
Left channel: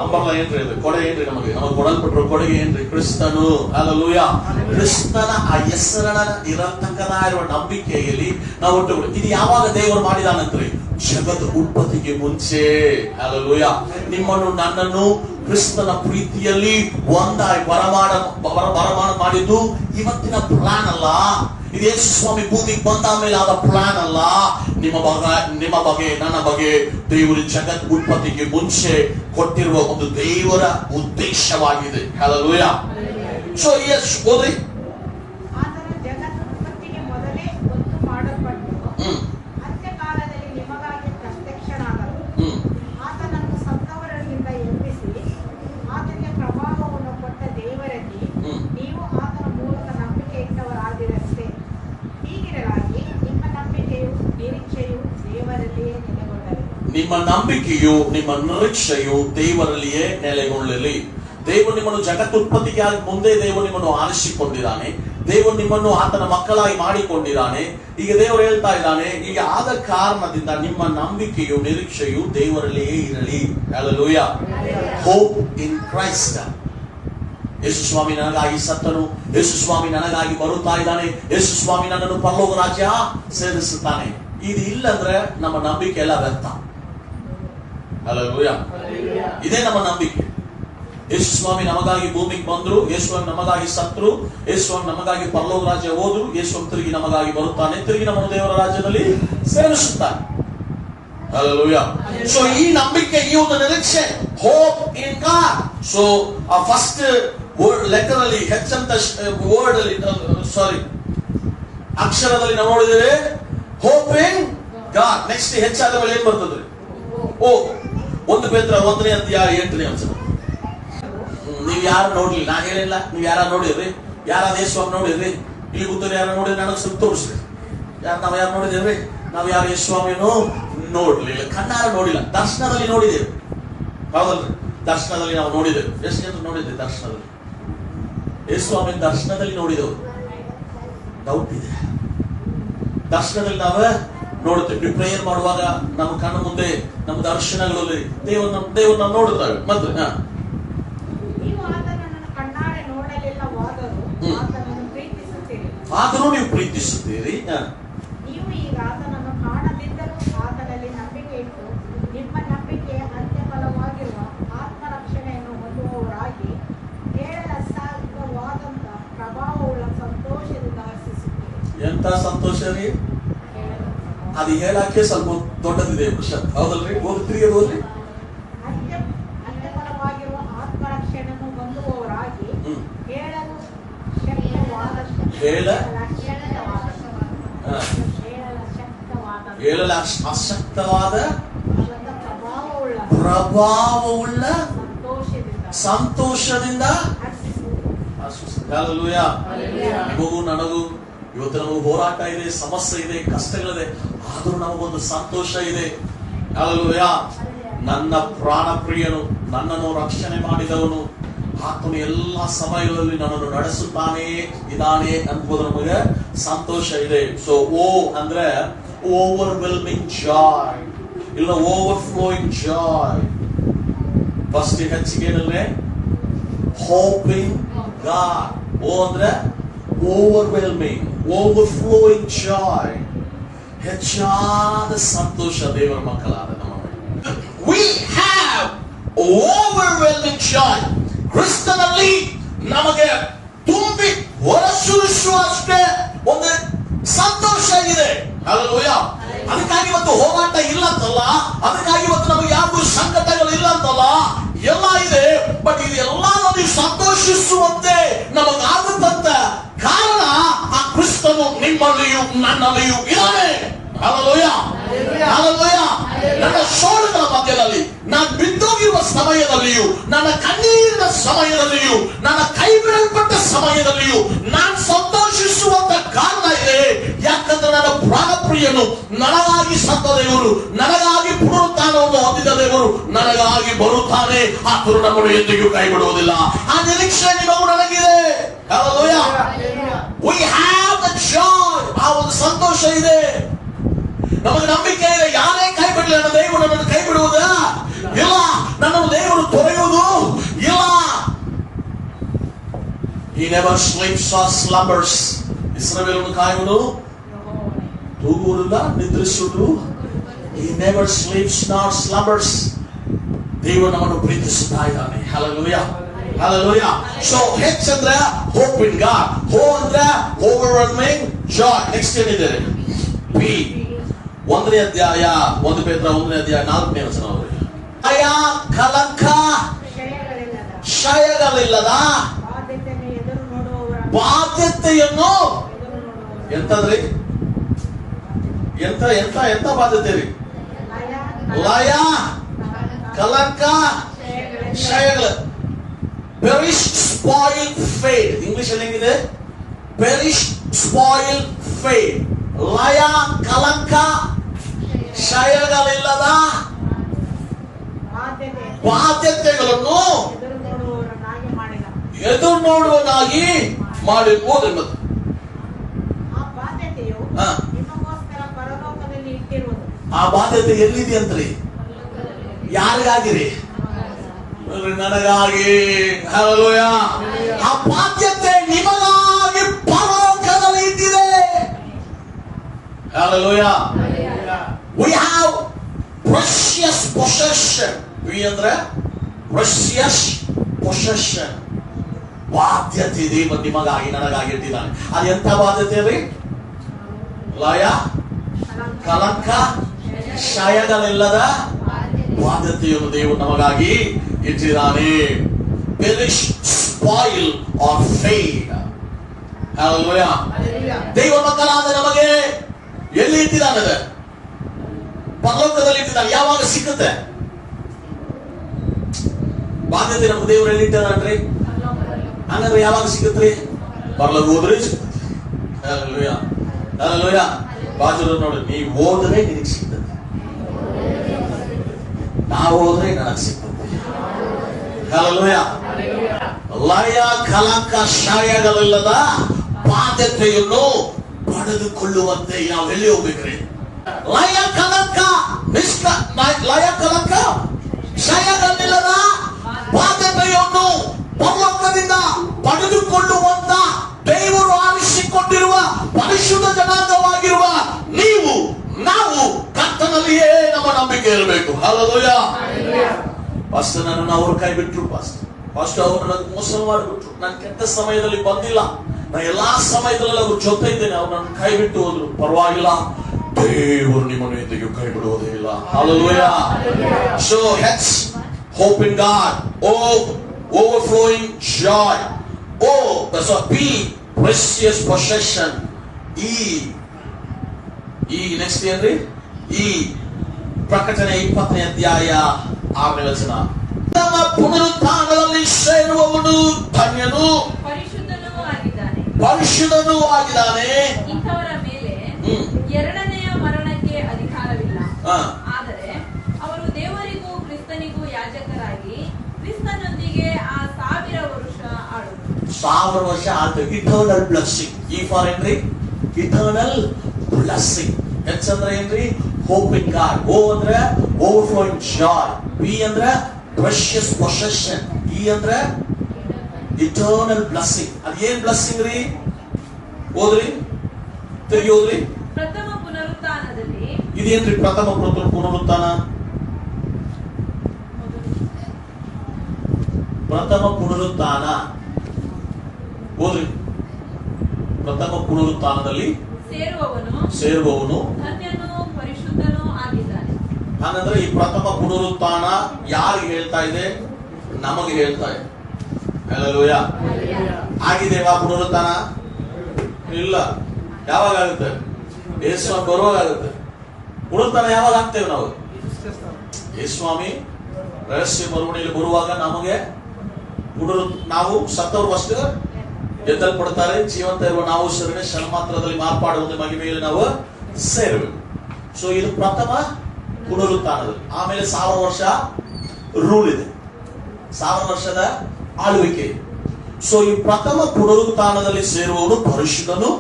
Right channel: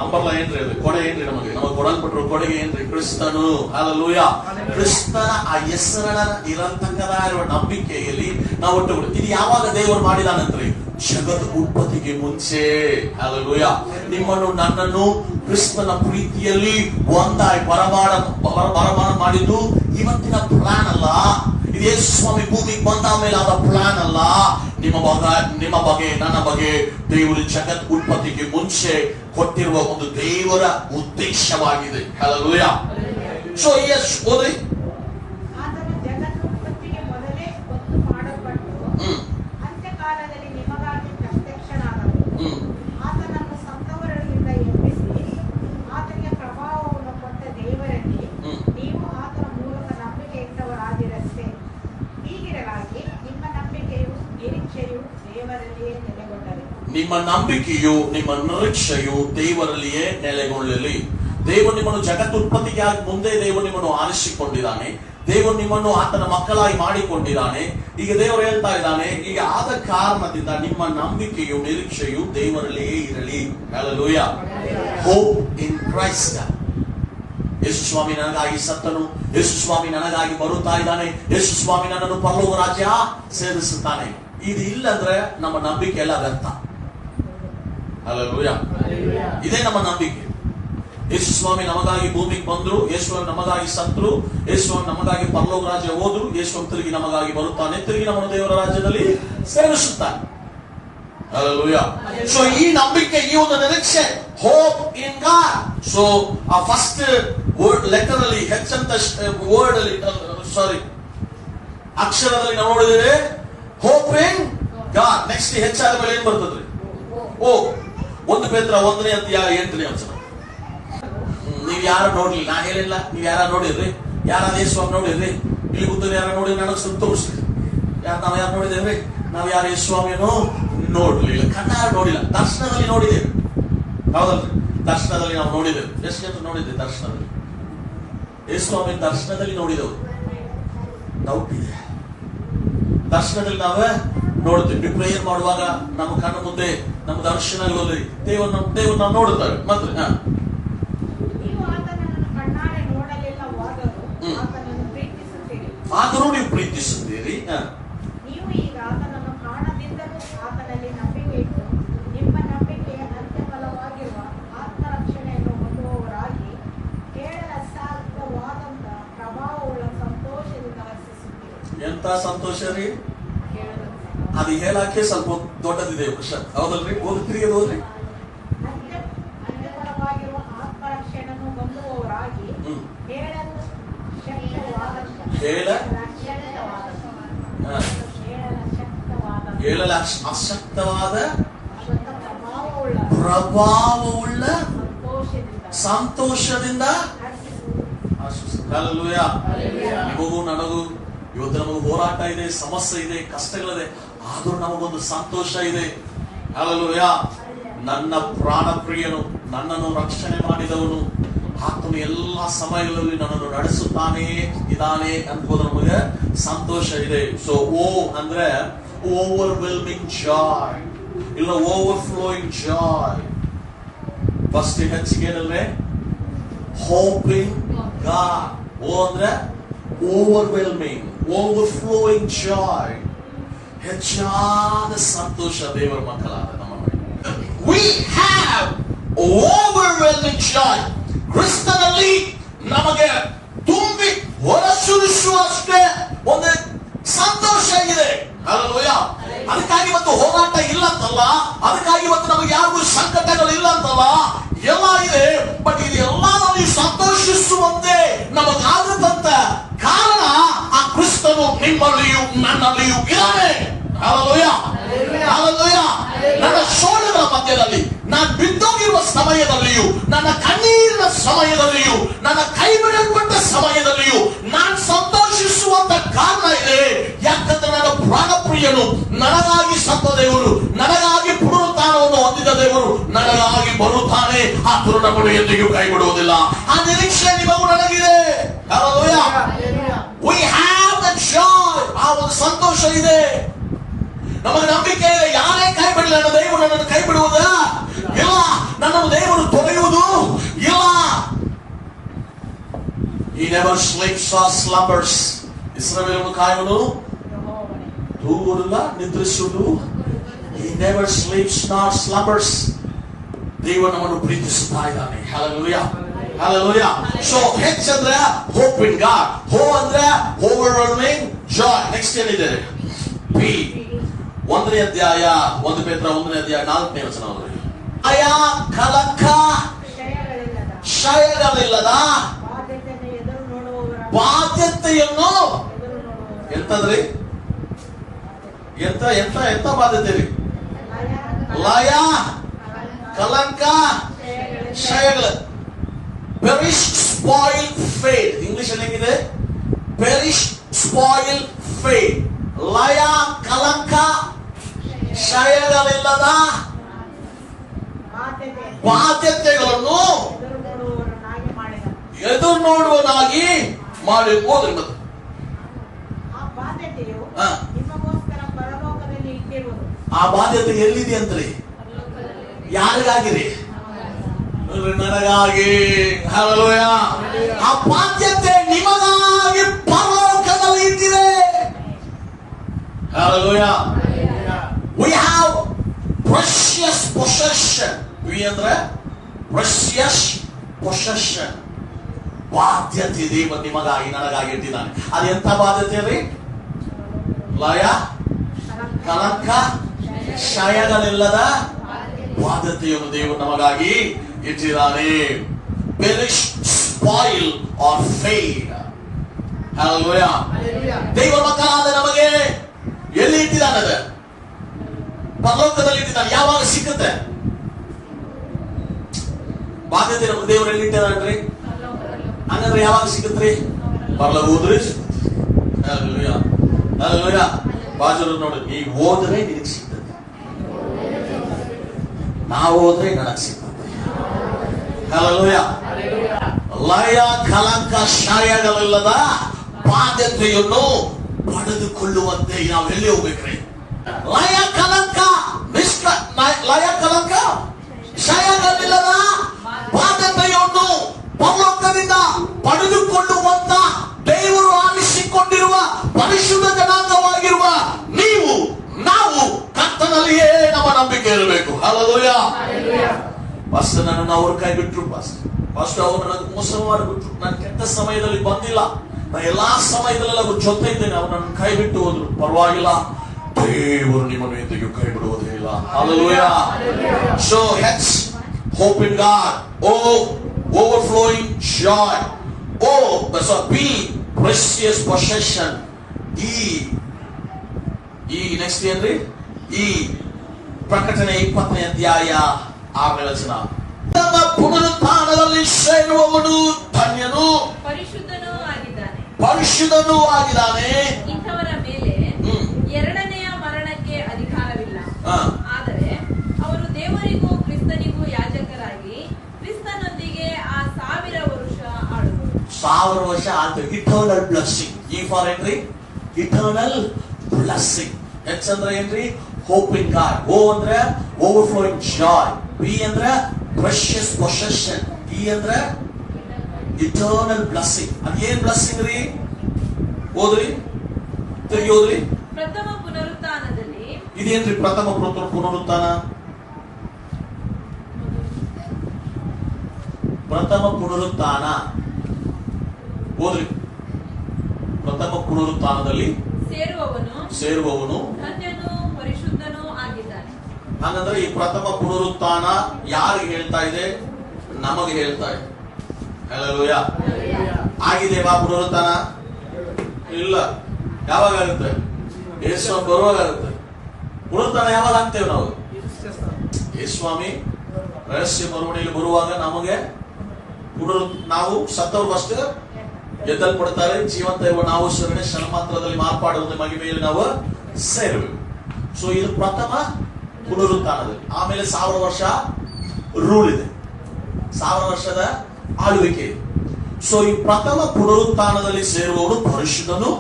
ಅಂಬರ್ಲಾ ಏನ್ರಿ? ಅದು ಕೊಡೆ ಏನ್ರಿ? ನಮಗೆ ಕೊಡಲ್ಪಟ್ಟರು ಕೊಡೆಗೆ ಏನ್ರಿ? ಕ್ರಿಸ್ತನು. ಹಲ್ಲೆಲೂಯಾ. ಕ್ರಿಸ್ತನ ಆ ಹೆಸರನ ಇರತಕ್ಕದಾಗಿರುವ ನಂಬಿಕೆಯಲ್ಲಿ ನಾವು ಒಟ್ಟು. ಇದು ಯಾವಾಗ ದೇವರು ಮಾಡಿದಾನಂತ್ರಿ? ಜಗತ್ ಉತ್ಪತ್ತಿಗೆ ಮುಂಚೆ. ಹಲ್ಲೆಲೂಯಾ. ನಿಮ್ಮನ್ನು ನನ್ನನ್ನು ಕ್ರಿಸ್ತನ ಪ್ರೀತಿಯಲ್ಲಿ ಒಂದಾಗಿ ಬರಮಾಡ ಮಾಡಿದ್ದು ಇವತ್ತಿನ ಪ್ಲಾನ್ ಅಲ್ಲ. ಇದು ಯೇಸು ಸ್ವಾಮಿ ಭೂಮಿಗೆ ಬಂದ ಮೇಲೆ ಆದ ಪ್ಲಾನ್ ಅಲ್ಲ. ನಿಮ್ಮ ಬಗ್ಗೆ ನನ್ನ ಬಗ್ಗೆ ದೇವರು ಜಗತ್ ಉತ್ಪತ್ತಿಗೆ ಮುಂಚೆ ಕೊಟ್ಟಿರುವ ಒಂದು ದೇವರ ಉದ್ದೇಶವಾಗಿದೆ. ಹಲ್ಲೆಲೂಯಾ. ಸೊ ಎಸ್ ಓದಿ. ಆತನ ಜಗತ್ತುತ್ಪತ್ತಿಗೆ ಮೊದಲೇ ಗೊತ್ತು ಮಾಡಲ್ಪಟ್ಟು ಅಂತ್ಯಕಾಲದಲ್ಲಿ ನಿಮಗಾಗಿ ಪ್ರತ್ಯಕ್ಷನಾಗಲು ಆತನನ್ನು ಸತ್ತವರೊಳಗಿಂದ ಎಬ್ಬಿಸಿ ಆತನಿಗೆ ಪ್ರಭಾವವನ್ನು ಕೊಟ್ಟ ದೇವರಲ್ಲಿ ನೀವು ಆತನ ಮೂಲಕ ನಂಬಿಕೆ ಇಟ್ಟವರಾಗಿರಷ್ಟೇ. ಹೀಗಿರಲಾಗಿ ನಿಮ್ಮ ನಂಬಿಕೆಯು ನಿರೀಕ್ಷೆಯು ದೇವರಲ್ಲಿಯೇ ನೆಲೆಗೊಂಡರೆ. ನಿಮ್ಮ ನಂಬಿಕೆಯು ನಿಮ್ಮ ನಿರೀಕ್ಷೆಯು ದೇವರಲ್ಲಿಯೇ ನೆಲೆಗೊಳ್ಳಲಿ. ದೇವರು ನಿಮ್ಮನ್ನು ಜಗತ್ತುತ್ಪತ್ತಿಗೆ ಮುಂದೆ ದೇವರು ನಿಮ್ಮನ್ನು ಆರಿಸಿಕೊಂಡಿದ್ದಾನೆ. ದೇವರು ನಿಮ್ಮನ್ನು ಆತನ ಮಕ್ಕಳಾಗಿ ಮಾಡಿಕೊಂಡಿದ್ದಾನೆ. ಈಗ ದೇವರು ಹೇಳ್ತಾ ಇದ್ದಾನೆ, ಈಗ ಆದ ಕಾರಣದಿಂದ ನಿಮ್ಮ ನಂಬಿಕೆಯು ನಿರೀಕ್ಷೆಯು ದೇವರಲ್ಲಿಯೇ ಇರಲಿ. ಹಲ್ಲೆಲೂಯಾ. Hope in Christ. ಯೇಸು ಸ್ವಾಮಿ ನನಗಾಗಿ ಸತ್ತನು, ಯೇಸು ಸ್ವಾಮಿ ನನಗಾಗಿ ಬರುತ್ತಾ ಇದ್ದಾನೆ, ಯೇಸು ಸ್ವಾಮಿ ನನ್ನನ್ನು ಪರಲೋಕ ರಾಜ್ಯ ಸೇರಿಸುತ್ತಾನೆ. ಇದು ಇಲ್ಲಂದ್ರೆ ನಮ್ಮ ನಂಬಿಕೆ ಎಲ್ಲ ವ್ಯರ್ಥ. ಹಲ್ಲೆಲೂಯಾ. ಇದೇ ನಮ್ಮ ನಂಬಿಕೆ. ಯೇಸು ಸ್ವಾಮಿ ನಮಗಾಗಿ ಭೂಮಿಗೆ ಬಂದ್ರು, ಯೇಸು ಸ್ವಾಮಿ ನಮಗಾಗಿ ಸತ್ರು, ಯೇಸು ಸ್ವಾಮಿ ನಮಗಾಗಿ ಪರಲೋಕ ರಾಜ್ಯ ಹೋದ್ರು, ಯೇಸು ಸ್ವಾಮಿ ತಿರುಗಿ ನಮಗಾಗಿ ಬರುತ್ತಾನೆ, ತಿರುಗಿ ನಮ್ಮ ದೇವರ ರಾಜ್ಯದಲ್ಲಿ ಸೇರಿಸುತ್ತಾನೆ. Hallelujah. So ಈ ನಂಬಿಕೆ, ಈ ಒಂದು ನಿರೀಕ್ಷೆ, ಹೋಪ್ ಇನ್ ಗಾಡ್. ಸೊ ಆ ಫಸ್ಟ್ ವರ್ಡ್ ಲೆಟರ್ ಅಲ್ಲಿ ಹೆಚ್ಚಂತ ವರ್ಡ್ ಅಲ್ಲಿ ಅಕ್ಷರದಲ್ಲಿ ನಾವು ನೋಡಿದ್ದೇವೆ ಹೋಪ್ ಇನ್ ಗಾಡ್. ನೆಕ್ಸ್ಟ್ ಹೆಚ್ಚಾದ ಮೇಲೆ ಏನ್ ಬರ್ತದ್ರಿ? ಓ 1 ಪೇತ್ರ 1ನೇ ಅಧ್ಯಾಯ 8ನೇ ವಚನ. ನೀವ್ ಯಾರು ನೋಡ್ಲಿಲ್ಲ, ನಾ ಹೇಳಿಲ್ಲ. ನೀವ್ ಯಾರು ನೋಡಿದ್ರಿ? ಯಾರ ಯೇಸುಸ್ವಾಮಿ ನೋಡಿದ್ರಿ? ಇಲ್ಲಿ ಕೂತವ್ರು ಯಾರು ನೋಡಿದ್ರಿ? ನನಗೆ ಸ್ವಲ್ಪ ತೋರಿಸ್ರಿ. ನಾವ್ ಯಾರು ನೋಡಿದೇವ್ರಿ? ನಾವ್ ಯಾರು ಯೇಸುಸ್ವಾಮಿನೂ ನೋಡ್ಲಿಲ್ಲ, ಕಣ್ಣಾರ ನೋಡಿಲ್ಲ, ದರ್ಶನದಲ್ಲಿ ನೋಡಿದ್ದೇವೆ. ಹೌದಲ್ರಿ? ದರ್ಶನದಲ್ಲಿ ನಾವು ನೋಡಿದ್ದೇವೆ. ಎಷ್ಟು ಜನ ನೋಡಿದ್ವಿ ದರ್ಶನದಲ್ಲಿ? ಯೇಸುಸ್ವಾಮಿ ದರ್ಶನದಲ್ಲಿ ನೋಡಿದೆವು. ಡೌಟ್ ಇದೆ. ದರ್ಶನದಲ್ಲಿ ನಾವೇ ನೋಡುತ್ತೇವೆ. ನೀವು ಪ್ರೇಯರ್ ಮಾಡುವಾಗ ನಮ್ಮ ಕಣ್ಣು ಮುಂದೆ ನಮ್ಮ ದರ್ಶನಗಳು ದೇವರು ನಾವು ನೋಡುತ್ತೇವೆ. ಮತ್ತೆ ನೀವು ಆತನನ್ನು ಕಣ್ಣಾರೆ ನೋಡಲಿಲ್ಲವಾದರೂ ಆತನನ್ನು ಪ್ರೀತಿಸುತ್ತೀರಿ. ಆದರೂ ನೀವು ಪ್ರೀತಿಸುತ್ತೀರಿ. ನೀವು ಈಗ ಆತನನ್ನು ಕಾಣದಿದ್ದರೂ ಆತನಲ್ಲಿ ನಂಬಿಕೆ ಇಟ್ಟು ನಿಮ್ಮ ನಂಬಿಕೆಯ ಅಂತ್ಯಫಲವಾಗಿರುವ ಆತ್ಮರಕ್ಷಣೆಯನ್ನು ಹೊಂದುವವರಾಗಿ ಕೇಳಸಾಧ್ಯವಾದಂತ ಪ್ರಭಾವವುಳ್ಳ ಸಂತೋಷದಿಂದ ಹರ್ಷಿಸುತ್ತೀರಿ. ಎಂತ ಸಂತೋಷ ರೀ! ಅದು ಹೇಳಕ್ಕೆ ಸ್ವಲ್ಪ ದೊಡ್ಡದಿದೆ ವಿಷಯ. ಹೌದಲ್ರಿ? ಓದ್ತೀರಿ? ಓದ್ರಿ. ಅಂತ್ಯಫಲವಾಗಿರುವ ಆತ್ಮರಕ್ಷಣೆಯನ್ನು ಹೊಂದುವವರಾಗಿ ಹೇಳಲು ಅಶಕ್ತವಾದ ಪ್ರಭಾವವುಳ್ಳ ಸಂತೋಷದಿಂದ ಹಲ್ಲೆಲೂಯಾ. ನಿಮಗೂ ನನಗೂ ಇವತ್ತು ನಮಗೂ ಹೋರಾಟ ಇದೆ, ಸಮಸ್ಯೆ ಇದೆ, ಕಷ್ಟಗಳಿದೆ, ಆದ್ರೂ ನಮಗೊಂದು ಸಂತೋಷ ಇದೆ. ಹಲ್ಲೆಲೂಯಾ. ನನ್ನ ಪ್ರಾಣ ಪ್ರಿಯನು, ನನ್ನನ್ನು ರಕ್ಷಣೆ ಮಾಡಿದವನು, ಆತನು ಎಲ್ಲಾ ಸಮಯಗಳಲ್ಲಿ ನನ್ನನ್ನು ನಡೆಸುತ್ತಾನೆ ಇದ್ದಾನೆ ಅನ್ಬೋದು ನಮಗೆ ಸಂತೋಷ ಇದೆ. ಸೊ ಓ ಅಂದ್ರೆ ಓವರ್ವೆಲ್ಮಿಂಗ್ ಜಾಯ್, ಇಲ್ಲ ಓವರ್ಫ್ಲೋಯಿಂಗ್ ಜಾಯ್. ಫಸ್ಟ್ ಹೆಚ್ಚಿಗೆ ಏನಂದ್ರೆ ಹೋಪಿಂಗ್ ಗಾಡ್. ಓ ಅಂದ್ರೆ ಓವರ್ವೆಲ್ಮಿಂಗ್, ಓವರ್ಫ್ಲೋಯಿಂಗ್ ಜಾಯ್, ಹೆಚ್ಚಾದ ಸಂತೋಷ ದೇವರ ಮಕ್ಕಳಾದ ನಮ್ಮ. We have overwhelming joy. ಕ್ರಿಸ್ತನಲ್ಲಿ ನಮಗೆ ತುಂಬಿ ಹೊರಸೂರಿಸುವಷ್ಟೇ ಒಂದು ಸಂತೋಷ ಇದೆ. ಹಲ್ಲೆಲೂಯಾ. ಅದಕ್ಕಾಗಿ ಇವತ್ತು ಹೋರಾಟ ಇಲ್ಲ ಅಂತಲ್ಲ, ಅದಕ್ಕಾಗಿ ಇವತ್ತು ನಮಗೆ ಯಾರಿಗೂ ಸಂಕಟಗಳು ಇಲ್ಲ ಅಂತಲ್ಲ, ಎಲ್ಲ ಇದೆ. ಬಟ್ ಇದೆಲ್ಲ ನಾವು ಸಂತೋಷಿಸುವಂತೆ ನಮಗಾಗುತ್ತಂತ ಕಾರಣ ಆ ಕ್ರಿಸ್ತನು ನಿಮ್ಮಲ್ಲಿಯೂ ನನ್ನಲ್ಲಿಯೂ ಇದ್ದಾನೆ. ಹಲ್ಲೆಲೂಯಾ. ಹಲ್ಲೆಲೂಯಾ. ನನ್ನ ಸೋಲುಗಳ ಮಧ್ಯದಲ್ಲಿ, ನಾನು ಬಿದ್ದೋಗಿರುವ ಸಮಯದಲ್ಲಿಯೂ, ನನ್ನ ಕಣ್ಣೀರಿನ ಸಮಯದಲ್ಲಿಯೂ, ನನ್ನ ಕೈ ಬಿಡಲ್ಪಟ್ಟ ಸಮಯದಲ್ಲಿಯೂ ನಾನು ಸಂತೋಷಿಸುವಂತ ಕಾರಣ ಇದೆ. ಯಾಕಂದ್ರೆ ನನ್ನ ಪ್ರಾಣಪ್ರಿಯನು, ನನಗಾಗಿ ಸತ್ತ ದೇವರು, ನನಗಾಗಿ ಪುನರುತ್ಥಾನವನ್ನು ಹೊಂದಿದ ದೇವರು ನನಗಾಗಿ ಬರುತ್ತಾನೆ. ಆತನು ನಮ್ಮನ್ನು ಎಂದಿಗೂ ಕೈ ಬಿಡುವುದಿಲ್ಲ. ಆ ನಿರೀಕ್ಷೆ ನಿಮಗೂ ನನಗಿದೆ. Hallelujah. We have the joy. ಆ ಒಂದು ಸಂತೋಷ ಇದೆ. ನಮಗೆ ನಂಬಿಕೆ ಇದೆ. ಯಾರೇ ಕೈ ಬಿಡಲಿ, ನನ್ನ ದೇವರು ನನ್ನನ್ನು ಕೈ ಬಿಡುವುದ ಇಲ್ಲ, ನನ್ನನ್ನು ದೇವರು ತೊರೆಯುವುದು ಇಲ್ಲ. He never sleeps or slumbers. ಇಸ್ರಾಯೇಲನ್ನು ಕಾಯುವನು ತೂಗುವುದಿಲ್ಲ, ನಿದ್ರಿಸುವುದು. He never sleeps nor slumbers. ದೇವರು ನಮ್ಮನ್ನು ಪ್ರೀತಿಸುತ್ತಾ ಇದ್ದಾನೆ. Hallelujah. Hallelujah. So H ಅಂದ್ರೆ hope in God. Ho ಅಂದ್ರೆ overwhelming joy. Next ಏನಿದೆ? P. 1ನೇ ಅಧ್ಯಾಯ 1 ಪೇತ್ರ 1ನೇ ಅಧ್ಯಾಯ 4ನೇ ವಚನ. ಕಲಂಕ ಕ್ಷಯಗಳಿಲ್ಲದ ಬಾಧ್ಯತೆಯನ್ನು ಎದುರು ನೋಡುವವರಾಗಿ ಎಂತದ್ರಿ? ಎಂತ ಎಂತ ಎಂತ ಬಾಧ್ಯತೆ ರೀ? ಲಯ, ಲಯ, ಕಲಂಕ, ಕ್ಷಯಗಳು. Perish, spoil, fade. ಇಂಗ್ಲಿಷ್ ಅಲ್ಲಿ ಹೆಂಗಿದೆ? Perish, spoil, fade. ಲಯ, ಕಲಂಕ, ಕ್ಷಯಗಳಿಲ್ಲದ ಬಾಧ್ಯತೆಗಳನ್ನು ಎದುರು ನೋಡುವವರನ್ನಾಗಿ ಮಾಡಿದನು. ಎದುರು ನೋಡುವನಾಗಿ ಮಾಡಿ. ಹೋದ್ರಿ ಮತ್ತೆ ಆ ಬಾಧ್ಯತೆಯು ಹಾ. ನಿಮಗೋಸ್ಕರ ಪರಲೋಕದಲ್ಲಿ ಇಟ್ಟಿರುವುದು. ಆ ಬಾಧ್ಯತೆ ಎಲ್ಲಿದೆ ಅಂತ್ರಿ? ಯಾರಿಗಾಗಿರಿ? ನನಗಾಗಿ. ಹಲ್ಲೆಲೂಯಾ. ಆ ಬಾಧ್ಯತೆ ನಿಮಗಾಗಿ ಪರಲೋಕದಲ್ಲಿ ಇಟ್ಟಿದೆ. Hallelujah. We have precious possession. We ಅಂದ್ರೆ precious possession. ಬಾಧ್ಯತೆ ದೇವ ನಿಮಗಾಗಿ ನನಗಾಗಿ ಇಟ್ಟಿದ್ದಾನೆ. ಅದು ಎಂತ ಬಾಧ್ಯತೆ ರೀ? ಲಯ, ಕಲಂಕ, ಕ್ಷಯಗಳಿಲ್ಲದ ಬಾಧ್ಯತೆಯನ್ನು ದೇವರು ನಮಗಾಗಿ ಇಟ್ಟಿದ್ದಾನೆ. Perish, spoil or fade. Hallelujah. ದೇವರ ಮಕ್ಕಳಾದ ನಮಗೆ ಎಲ್ಲಿ ಇಟ್ಟಿದ್ದಾನೆ? ಪರಲೋಕದಲ್ಲಿ ಇಟ್ಟಿದ್ದಾನೆ. ಯಾವಾಗ ಸಿಕ್ಕುತ್ತೆ ಬಾಧ್ಯತೆ? ನಮ್ಮ ದೇವರು ಎಲ್ಲಿ ಇಟ್ಟಿದ್ದಾನ್ರಿ? ಹಂಗಂದ್ರೆ ಯಾವಾಗ ಸಿಕ್ಕತ್ರಿ? ಪರಲೋಕ ಹೋದ್ರೆ ಸಿಗುತ್ತೆ. ಹಲ್ಲೆಲೂಯಾ. ಹಲ್ಲೆಲೂಯಾ. ಬಾಜರು ನೋಡಿ, ನೀವು ಹೋದ್ರೆ ನಿನಗೆ ಸಿಗ್ತದೆ, ನಾವು ಹೋದ್ರೆ ನನಗೆ ಸಿಗ್ತದೆ. ಹಲ್ಲೆಲೂಯಾ. ಲಯ, ಕಲಂಕ, ಕ್ಷಯಗಳಿಲ್ಲದ ಬಾಧ್ಯತೆಯನ್ನು ಪಡೆದುಕೊಳ್ಳುವಂತೆ ನಾವೆಲ್ಲಿ ಹೋಗ್ಬೇಕ್ರಿ? ಲಯ, ಕಲಂಕ, ಲಯ, ಕಲಂಕ, ಕ್ಷಯಗಳಿಲ್ಲದ ಬಾಧ್ಯತೆಯನ್ನು ಪರಲೋಕದಿಂದ ಪಡೆದುಕೊಳ್ಳುವಂತ ದೇವರು ಆರಿಸಿಕೊಂಡಿರುವ ಪರಿಶುದ್ಧ ಜನಾಂಗವಾಗಿರುವ ನೀವು ನಾವು ಕರ್ತನಲ್ಲಿಯೇ ನಮ್ಮ ನಂಬಿಕೆ ಇರಬೇಕು. ಹಲ್ಲೆಲೂಯಾ. ಫಸ್ಟ್ ನನ್ನನ್ನು ಅವ್ರ ಕೈ ಬಿಟ್ರು. ಫಸ್ಟ್ ಅವರು ನನಗೆ ಮೋಸ ಮಾಡಿಬಿಟ್ರು. ನಾನು ಕೆಟ್ಟ ಸಮಯದಲ್ಲಿ ಬಂದಿಲ್ಲ, ನಾನು ಎಲ್ಲಾ ಸಮಯದಲ್ಲ ಅವ್ರ ಜೊತೆ ಇದ್ದೇನೆ. ಅವ್ರು ನನ್ನ ಕೈ ಬಿಟ್ಟು ಹೋದ್ರು. ಪರವಾಗಿಲ್ಲ, ದೇವರು ನಿಮ್ಮನ್ನು ಎಂದಿಗೂ ಕೈ ಬಿಡುವುದೇ ಇಲ್ಲ. Hallelujah. So let's hope in God. Oh, overflowing joy. Oh, that's a be precious possession. ಈ ನೆಕ್ಸ್ಟ್ ಏನ್ರಿ? ಈ ಪ್ರಕಟಣೆ 20ನೇ ಅಧ್ಯಾಯ 6ನೇ ವಚನ. ನಮ್ಮ ಪುನರುತ್ಥಾನದಲ್ಲಿ ಸೇರುವವನು ಧನ್ಯನು, ಪರಿಶುದ್ಧನೂ ಆಗಿದ್ದಾನೆ. ಪರಿಶುದ್ಧನೂ ಆಗಿದ್ದಾನೆ. ಇಂಥವರ ಮೇಲೆ ಎರಡನೆಯ ಮರಣಕ್ಕೆ ಅಧಿಕಾರವಿಲ್ಲ. ಆದರೆ ಅವರು ದೇವರಿಗೂ ಕ್ರಿಸ್ತನಿಗೂ ಯಾಜಕರಾಗಿ ಕ್ರಿಸ್ತನೊಂದಿಗೆ ಆ 1000 ವರ್ಷ ಆಳುವರು. 1000 ವರ್ಷ ಆಳ್ತಾರೆ. Eternal blessing. ಈ ಫಾರ್ ಏನ್ರಿ? Eternal blessing. ಎಚ್ ಅಂದ್ರೆ ಏನ್ರಿ? Hope in God. ಓ ಅಂದ್ರೆ ಓವರ್ಫ್ಲೋಯಿಂಗ್ ಜಾಯ್. ಬಿ ಅಂದ್ರೆ ಪ್ರೆಷಿಯಸ್ ಪೊಸೆಷನ್. ಇ ಅಂದ್ರೆ ಇಟರ್ನಲ್ ಬ್ಲೆಸ್ಸಿಂಗ್. ಅದೇನ್ ಬ್ಲೆಸ್ಸಿಂಗ್ ರೀ? ಓದ್ರಿ, ತಿರುಗಿ ಓದ್ರಿ. ಪ್ರಥಮ ಪುನರುತ್ಥಾನದಲ್ಲಿ ಇದೇನ್ರಿ? ಪ್ರಥಮ ಪುನರುತ್ಥಾನ. ಪ್ರಥಮ ಪುನರುತ್ಥಾನ ಓದ್ರಿ. ಪ್ರಥಮ ಪುನರುತ್ಥಾನದಲ್ಲಿ ಸೇರುವವನು ಧನ್ಯನೂ ಪರಿಶುದ್ಧನೂ ಆಗಿದ್ದಾನೆ. ಹಾಗಂದ್ರೆ ಈ ಪ್ರಥಮ ಪುನರುತ್ಥಾನ ಯಾರಿಗೆ ಹೇಳ್ತಾ ಇದೆ? ನಮಗೆ ಹೇಳ್ತಾ ಇದೆ. ಹಲ್ಲೆಲೂಯಾ. ಆಗಿದೆವಾ ಪುನರುತ್ಥಾನ? ಇಲ್ಲ. ಯಾವಾಗ ಆಗುತ್ತೆ? ಯೇಸು ಬರುವಾಗ ಆಗುತ್ತೆ. ಪುನರುತ್ಥಾನ ಯಾವಾಗ ಆಗ್ತೇವೆ ನಾವು? ಯೇಸು ಸ್ವಾಮಿ ರಹಸ್ಯ ಮರುಮನೆಯಲ್ಲಿ ಬರುವಾಗ ನಮಗೆ ನಾವು ಸತ್ತವರು ಫಸ್ಟ್ ಎದ್ದಲ್ಪಡ್ತಾರೆ, ಜೀವಂತ ಇರುವ ನಾವು ಶರಣೆ ಕ್ಷಣ ಮಾತ್ರದಲ್ಲಿ ಮಾರ್ಪಾಡುವಂತೆ ಮಹಿಮೆಯಲ್ಲಿ ನಾವು ಸೇರಬೇಕು. ಸೊ ಇದು ಪ್ರಥಮ ಪುನರುತ್ಥಾನದಲ್ಲಿ. ಆಮೇಲೆ 1000 ವರ್ಷ ರೂಲ್ ಇದೆ, 1000 ವರ್ಷದ ಆಳ್ವಿಕೆ ಇದೆ. ಸೊ ಈ ಪ್ರಥಮ ಪುನರುತ್ಥಾನದಲ್ಲಿ ಸೇರುವವನು ಪರಿಶುದ್ಧನು.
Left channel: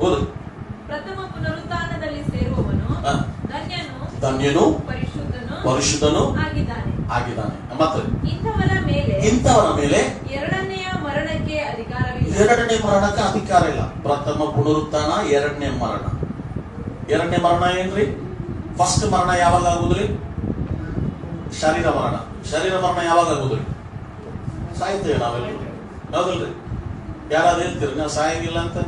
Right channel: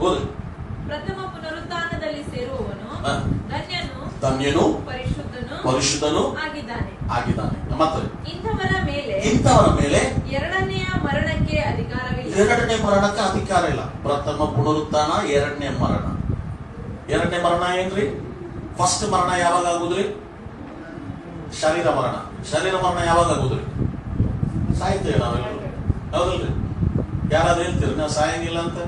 ಹೌದು. ಪ್ರಥಮ ಪುನರುತ್ಥಾನದಲ್ಲಿ ಸೇರುವವನು ಧನ್ಯನು ಪರಿಶುದ್ಧನು ಆಗಿದ್ದಾನೆ. ಮತ್ತೆ ಇಂಥವರ ಮೇಲೆ ಎರಡನೆಯ ಮರಣಕ್ಕೆ ಅಧಿಕಾರವಿಲ್ಲ. ಎರಡನೇ ಮರಣಕ್ಕೆ ಅಧಿಕಾರ ಇಲ್ಲ. ಪ್ರಥಮ ಪುನರುತ್ಥಾನ, ಎರಡನೇ ಮರಣ. ಎರಡನೇ ಮರಣ ಏನ್ರಿ? ಫಸ್ಟ್ ಮರಣ ಯಾವಾಗ ಆಗುದ್ರಿ? ಶರೀರ ಮರಣ. ಶರೀರ ಮರಣ ಯಾವಾಗ ಆಗುದ್ರಿ? ಸಾಯ್ತೇವೆ ನಾವೆಲ್ಲ, ಹೌದಲ್ರಿ? ಯಾರಾದ್ರೂ ಹೇಳ್ತೀರಿ ನಾವು ಸಾಯಂಗಿಲ್ಲ ಅಂತ?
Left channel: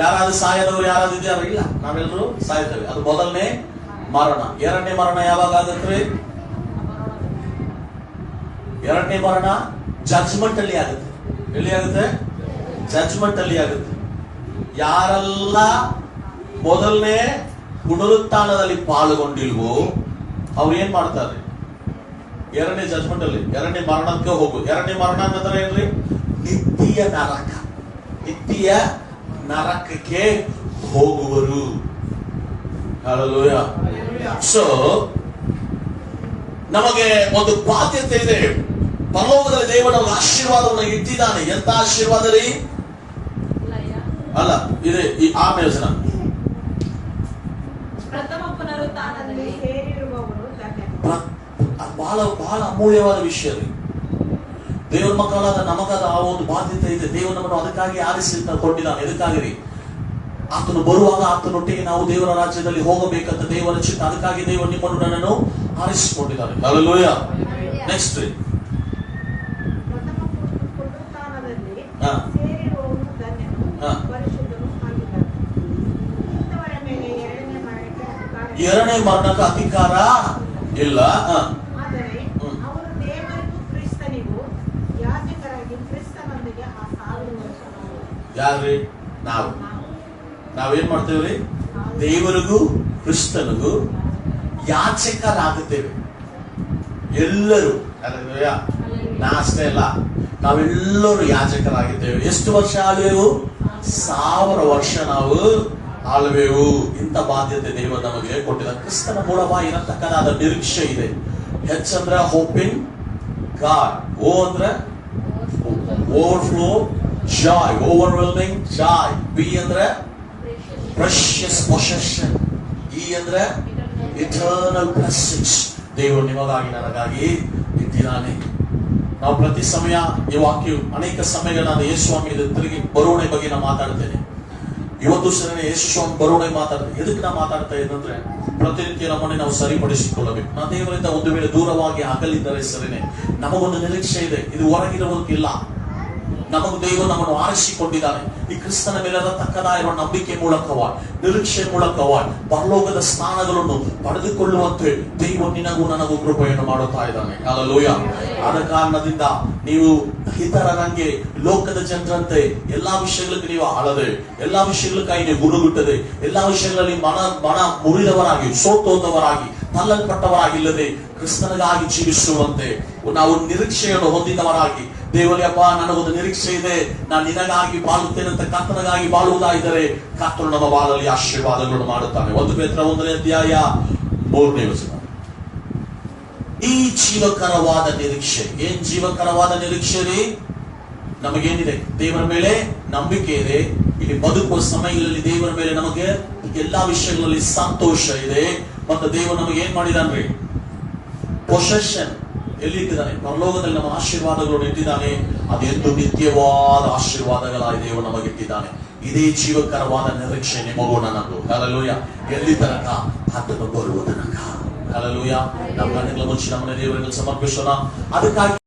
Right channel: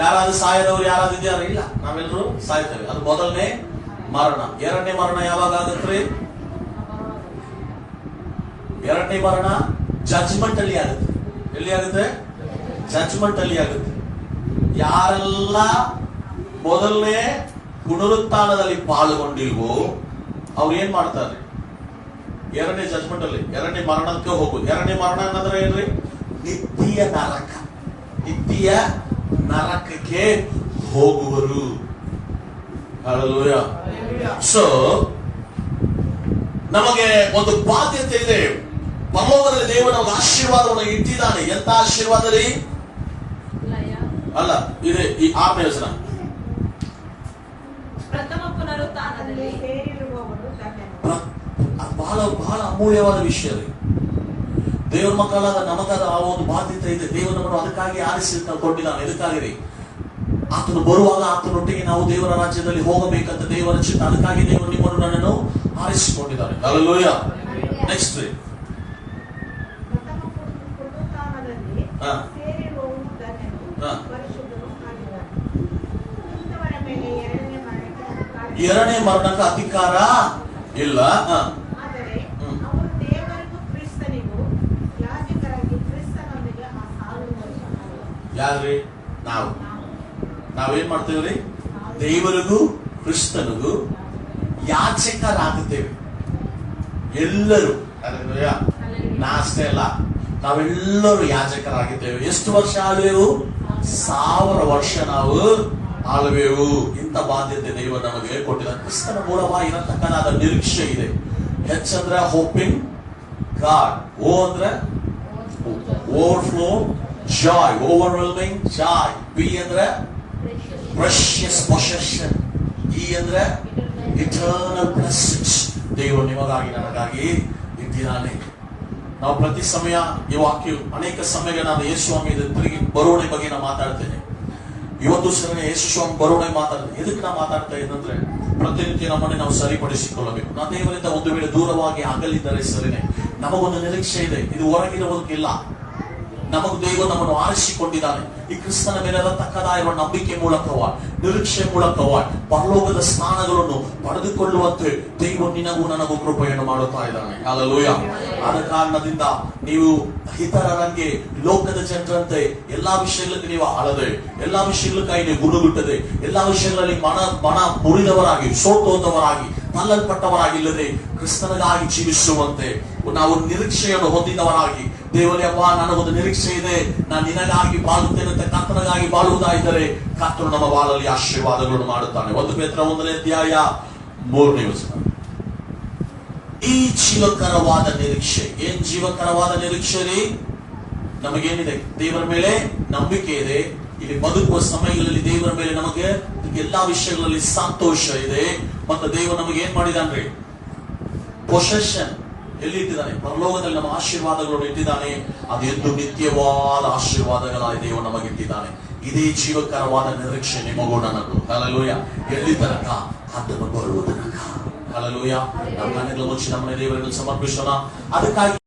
ಯಾರಾದ್ರೂ ಸಾಯದವ್ರು ಯಾರಾದ್ರೂ ಇದ್ಯಾರ? ಇಲ್ಲ, ನಾವೆಲ್ಲರೂ ಸಾಯ್ತೇವೆ. ಅದು ಮೊದಲನೇ ಮರಣ. ಎರಡನೇ ಮರಣ ಯಾವಾಗ ಆಗತ್ರಿ? ಎರಡನೇ ಮರಣ ಜಡ್ಜ್ಮೆಂಟ್ ಅಲ್ಲಿ ಆಗುತ್ತೆ. ಎಲ್ಲಿ ಆಗುತ್ತೆ? ಜಡ್ಜ್ಮೆಂಟ್ ಅಲ್ಲಿ ಆಗುತ್ತೆ. ಯಾರೆಲ್ಲ ಮೊದಲನೇ ಪುನರುತ್ಥಾನದಲ್ಲಿ ಪಾಲ್ಗೊಂಡಿಲ್ವೋ ಅವ್ರು ಏನ್ ಮಾಡ್ತಾರೆ? ಎರಡನೇ ಜಡ್ಜ್ಮೆಂಟ್ ಅಲ್ಲಿ, ಎರಡನೇ ಮರಣಕ್ಕೆ ಹೋಗುದು. ಎರಡನೇ ಮರಣ ಅಂದ್ರೆ ಏನ್ರಿ? ನಿತ್ಯ ನರಕ. ನಿತ್ಯ ನರಕಕ್ಕೆ ಹೋಗುವರು. ಸೊ ನಮಗೆ ಒಂದು ಬಾಧ್ಯತೆ ಇದೆ. ಪರಲೋಕದಲ್ಲಿ ದೇವರು ನಮಗೆ ಆಶೀರ್ವಾದವನ್ನು ಇಟ್ಟಿದ್ದಾನೆ. ಎಂತ ಆಶೀರ್ವಾದ ರೀ? ಅಲ್ಲ, ಇದೆ ಈ 6ನೇ ವಚನ. ಪ್ರಥಮ ಪುನರುತ್ಥಾನದಲ್ಲಿ ಸೇರಿರುವವರು ಧನ್ಯರು. ಬಹಳ ಬಹಳ ಅಮೂಲ್ಯವಾದ ವಿಷಯ ರೀ. ದೇವರ ಮಕ್ಕಳಾದ ನಮಗಾದ ಆ ಒಂದು ಬಾಧ್ಯತೆ ಇದೆ. ದೇವರು ನಮ್ಮನ್ನು ಅದಕ್ಕಾಗಿ ಆರಿಸಿ ಕೊಟ್ಟಿದ್ದಾನೆ. ಎದಕ್ಕಾಗಿ ರೀ? ಆತನು ಬರುವಾಗ ಆತನೊಟ್ಟಿಗೆ ನಾವು ದೇವರ ರಾಜ್ಯದಲ್ಲಿ ಹೋಗಬೇಕಂತ ದೇವರ ಚಿತ್ತ. ಅದಕ್ಕಾಗಿ ದೇವರು ನಿಮ್ಮನ್ನು ನನ್ನನ್ನು ಆರಿಸಿಕೊಂಡಿದ್ದಾರೆ. ಹಲ್ಲೆಲೂಯಾ. ನೆಕ್ಸ್ಟ್ ರೀ, ಪ್ರಥಮ ಪುನರುತ್ಥಾನದಲ್ಲಿ ಹಾ. ಸೇರಿರುವವರು ಧನ್ಯರು, ಹಾ. ಪರಿಶುದ್ಧರು ಆಗಿದ್ದಾರೆ. ಇಂಥವರ ಮೇಲೆ ಎರಡನೇ ಮರಣಕ್ಕೆ ಅಧಿಕಾರ ಎರಡನೇ ಮರಣಕ್ಕೆ ಅಧಿಕಾರ ಇಲ್ಲ. ಆದರೆ ಹ್ಮ್. ಅವರು ದೇವರಿಗೂ ಕ್ರಿಸ್ತನಿಗೂ ಯಾಜಕರಾಗಿ ಕ್ರಿಸ್ತನೊಂದಿಗೆ ಆ 1000 ವರ್ಷ ಯಾರ್ರಿ? ನಾವೇನ್ ಮಾಡ್ತೇವ್ರಿ? ದೇವರಿಗೂ ಕ್ರಿಸ್ತನಿಗೂ ಯಾಚಕರಾಗುತ್ತೇವೆ ಎಲ್ಲರೂ. ಹಲ್ಲೆಲೂಯಾ. ನಾ ಅಷ್ಟೇ ಅಲ್ಲ, ನಾವೆಲ್ಲರೂ ಯಾಜಕರಾಗಿದ್ದೇವೆ. ಎಷ್ಟು ವರ್ಷ ಆಳ್ವೆವು? 1000 ವರ್ಷ ನಾವು ಆಳ್ವೆವು. ಇಂಥ ಬಾಧ್ಯತೆ ದೇವರು ನಮಗೆ ಕೊಟ್ಟಿದ. ಕ್ರಿಸ್ತನ ಮೂಲವಾಗಿ ಇರತಕ್ಕದಾದ ನಿರೀಕ್ಷೆ ಇದೆ. ಹೆಚ್ಚಂದ್ರೆ ಹೋಪಿಂಗ್ ಗಾಡ್. ಓ ಅಂದ್ರೆ overflow joy, overwhelming joy. B ಅಂದ್ರೆ ಪ್ರೆಷಿಯಸ್ ಪೊಸೆಷನ್. ಈ ಅಂದ್ರೆ ಇಟರ್ನಲ್ ಬ್ಲೆಸ್ಸಿಂಗ್ಸ್. ದೇವರು ನಿಮಗಾಗಿ ನನಗಾಗಿ ಇಟ್ಟಿದ್ದಾನೆ. ನಾವು ಪ್ರತಿ ಸಮಯ ಈ ವಾಕ್ಯ ಅನೇಕ ಸಮಯಗಳು ನಾನು ಯೇಸು ಸ್ವಾಮಿ ತಿರುಗಿ ಬರುವಣೆ ಬಗ್ಗೆ ನಾನು ಮಾತಾಡ್ತೇನೆ. ಇವತ್ತು ಸರಿ ಯೇಸು ಸ್ವಾಮಿ ಬರುವಣೆ ಮಾತಾಡ್ತೇನೆ. ಎದಕ್ಕೆ ನಾ ಮಾತಾಡ್ತಾ ಇದ್ದಂದ್ರೆ, ಪ್ರತಿನಿತ್ಯ ನಮ್ಮನ್ನೇ ನಾವು ಸರಿಪಡಿಸಿಕೊಳ್ಳಬೇಕು. ನಾವು ದೇವರಿಂದ ಒಂದು ವೇಳೆ ದೂರವಾಗಿ ಅಗಲಿದ್ದರೆ ಸರಿನೇ, ನಮಗೊಂದು ನಿರೀಕ್ಷೆ ಇದೆ. ಇದು ಹೊರಗಿರುವುದಕ್ಕಿಲ್ಲ. ನಮಗೂ ದೇವರು ನಮ್ಮನ್ನು ಆರಿಸಿಕೊಂಡಿದ್ದಾನೆ. ಈ ಕ್ರಿಸ್ತನ ಮೇಲೆ ತಕ್ಕದಾಗಿರುವ ನಂಬಿಕೆ ಮೂಲಕವಾಗಿ, ನಿರೀಕ್ಷೆ ಮೂಲಕವಾಗಿ ಪರಲೋಕದ ಸ್ಥಾನಗಳನ್ನು ಪಡೆದುಕೊಳ್ಳುವಂತೆ ದೇವರು ನಿನಗೂ ನನಗೂ ಕೃಪೆಯನ್ನು ಮಾಡುತ್ತಾ ಇದ್ದಾನೆ. ಹಲ್ಲೆಲೂಯಾ. ಆದ ಕಾರಣದಿಂದ ನೀವು ಇತರರಂಗೆ ಲೋಕದ ಜನರಂತೆ ಎಲ್ಲಾ ವಿಷಯಗಳಿಗೆ ನೀವು ಆಳದೆ, ಎಲ್ಲಾ ವಿಷಯಗಳಕ್ಕಾಗಿ ನೀವು ಗುರುಗುಟ್ಟದೆ, ಎಲ್ಲಾ ವಿಷಯಗಳಲ್ಲಿ ಮನ ಮುರಿದವರಾಗಿ, ಸೋತೋದವರಾಗಿ, ತಲ್ಲಲ್ಪಟ್ಟವರಾಗಿಲ್ಲದೆ ಕ್ರಿಸ್ತನಿಗಾಗಿ ಜೀವಿಸುವಂತೆ ನಾವು ನಿರೀಕ್ಷೆಯನ್ನು ಹೊಂದಿದವರಾಗಿ, ದೇವರೇ ಅಪ್ಪ ನನಗೊಂದು ನಿರೀಕ್ಷೆ ಇದೆ, ನಾನು ನಿನಗಾಗಿ ಬಾಳುತ್ತೇನೆ ಅಂತ ಕರ್ತನಿಗಾಗಿ ಬಾಳುವುದಾದರೆ ಕರ್ತನು ನಮ್ಮ ಬಾಳಲ್ಲಿ ಆಶೀರ್ವಾದಗಳನ್ನು ಮಾಡುತ್ತಾನೆ. 1 ಪೇತ್ರ 1ನೇ ಅಧ್ಯಾಯ 3ನೇ ವಚನ. ಈ ಜೀವಕರವಾದ ನಿರೀಕ್ಷೆ. ಏನ್ ಜೀವಕರವಾದ ನಿರೀಕ್ಷೆ ರೀ? ನಮಗೇನಿದೆ? ದೇವರ ಮೇಲೆ ನಂಬಿಕೆ ಇದೆ. ಇಲ್ಲಿ ಬದುಕುವ ಸಮಯಗಳಲ್ಲಿ ದೇವರ ಮೇಲೆ ನಮಗೆ ಎಲ್ಲಾ ವಿಷಯಗಳಲ್ಲಿ ಸಂತೋಷ ಇದೆ. ಮತ್ತು ದೇವರು ನಮಗೆ ಏನ್ ಮಾಡಿದಾನ್ರಿ? ಪೊಸೆಷನ್ ಎಲ್ಲಿ ಇಟ್ಟಿದ್ದಾನೆ? ಪರಲೋಕದಲ್ಲಿ ನಮ್ಮ ಆಶೀರ್ವಾದಗಳನ್ನು ಇಟ್ಟಿದ್ದಾನೆ. ಅದು ಎಂದು ನಿತ್ಯವಾದ ಆಶೀರ್ವಾದಗಳಾಗಿ ದೇವರು ನಮಗೆ ಇಟ್ಟಿದ್ದಾನೆ. ಇದೇ ಜೀವಕರವಾದ ನಿರೀಕ್ಷೆ ನಿಮಗೂ ನನಗೂ. ಹಲ್ಲೆಲೂಯಾ. ಎಲ್ಲಿ ತನಕ? ಅದನ್ನು ಬರುವ ತನಕ. ಹಲ್ಲೆಲೂಯಾ. ನಮ್ಮ ಕಣ್ಣುಗಳ ಮುಚ್ಚಿ ನಮ್ಮನೆ ದೇವರನ್ನು ಸಮರ್ಪಿಸೋಣ. ಅದಕ್ಕಾಗಿ